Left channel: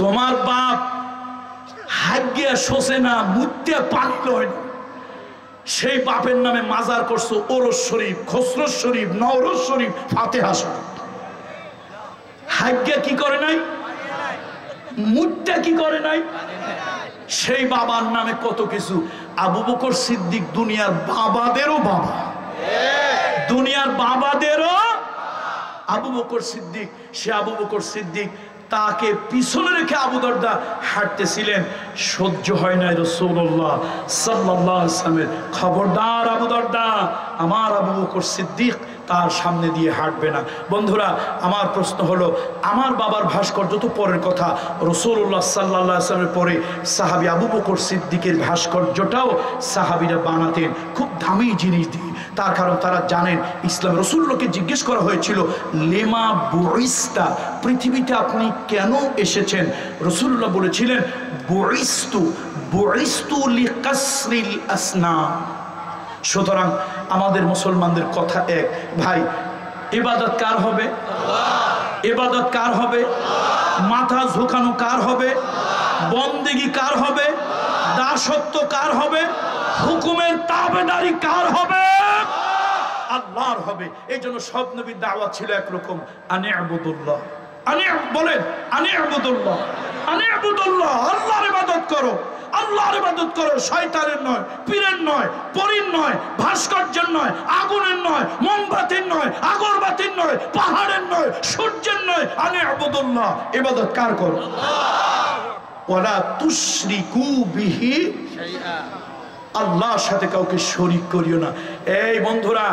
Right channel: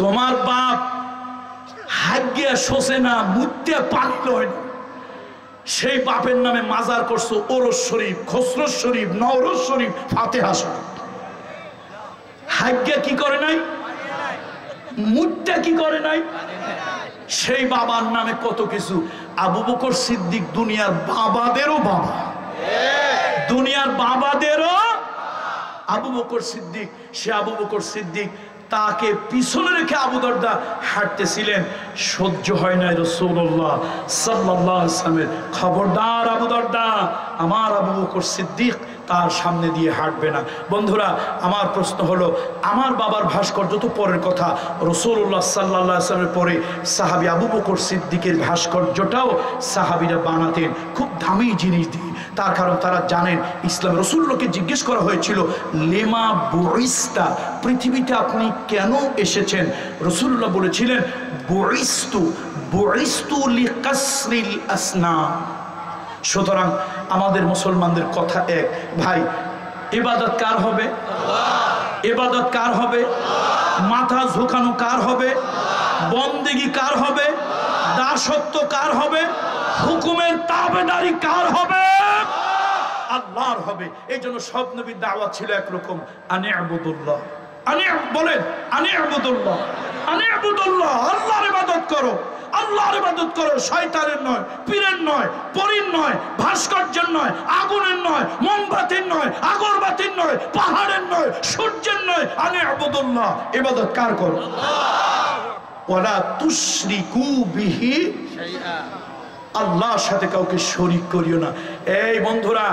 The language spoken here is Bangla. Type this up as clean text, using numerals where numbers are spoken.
তোমার বাপ হাগিয়া শোষে না, মুত্যে পানি লয় না, সেই বাপের নামে মাজার করছো ওরস শরীফ, খসরুস শরীফ, নওরোজ শরীফ, ফাতিহা শরীফ। হাগিয়া কি করে নাই? মুত্যে কি করে নাই? সেই বাবার নামে কত কিছু। আবু বকর সিদ্দিক দুনিয়ার বাবাদেরও বাবা, দুনিয়ার বাবাদেরও আবু বকর সিদ্দিক। সে আবু বকর সিদ্দিক তাকে পিছনে রেখে আবু দরদা হাঁটতেছিলেন, সহ্য হয় নাই রাসূলুল্লাহ সাল্লাল্লাহু আলাইহি ওয়াসাল্লামের। খবরদার আবু দরদা, আমার আবু বকর সিদ্দিক তার সামনে দিয়ে হাঁটবে না। বন্ধুরা, আমার প্রশ্ন হলো, আমার বাবার ভাস্কর্য তো পরের কথা, রাসূলুল্লাহ সাল্লাল্লাহু আলাইহি ওয়াসাল্লামের পরে সাহাবী আবু বকর সিদ্দিকের ভাস্কর্যটাও সাহাবীরা বানাতেন খুব দামি জিনিস দিয়ে। তার কারণ তারা জানেন ইসলাম। রাসূলুল্লাহকে জিজ্ঞেস করা হয়েছিল, লেমা বুইস্তা, পৃথিবীতে আপনি কেন এসেছেন? রাসূলুল্লাহ বলেছিলেন, বুইস্তু লিকাসরিল আসনাম। সুতরাং আমাদের মুসলমানদের কথা এক, ভাই ইবাদত কার হবে? ইবাদত কার হবে? মাথা ঝুঁকানো কার হবে? বন্দেগি কার হবে? দাসত্ব কার হবে? হুকুমের তাবেদারি কার হবে? আল্লাহর হবে। এই জন্য সব নবীর দাওয়াত ছিল একরকম, আনি'বুদুল্লাহ। বলেন আনি'বুদুল্লাহ, আনি'বুদুল্লাহ, আল্লাহর ইবাদত করো, আল্লাহর ইবাদত করো, শয়তানের নয়, পীরের নয়, পরীর নয়, ভাস্কর্যের নয়, আগুনের নয়, মোমবাতির নয়, আগরবাতির নয়, পাহাড়ের নয়, সূর্যের নয়। আনি'বুদুল্লাহ, ইবাদত কার করো? ওয়ালা তুশরিকু বিহি শাইআ, আল্লাহর সাথে কাউকে শরীক করিও না। এই বন্ধুরা,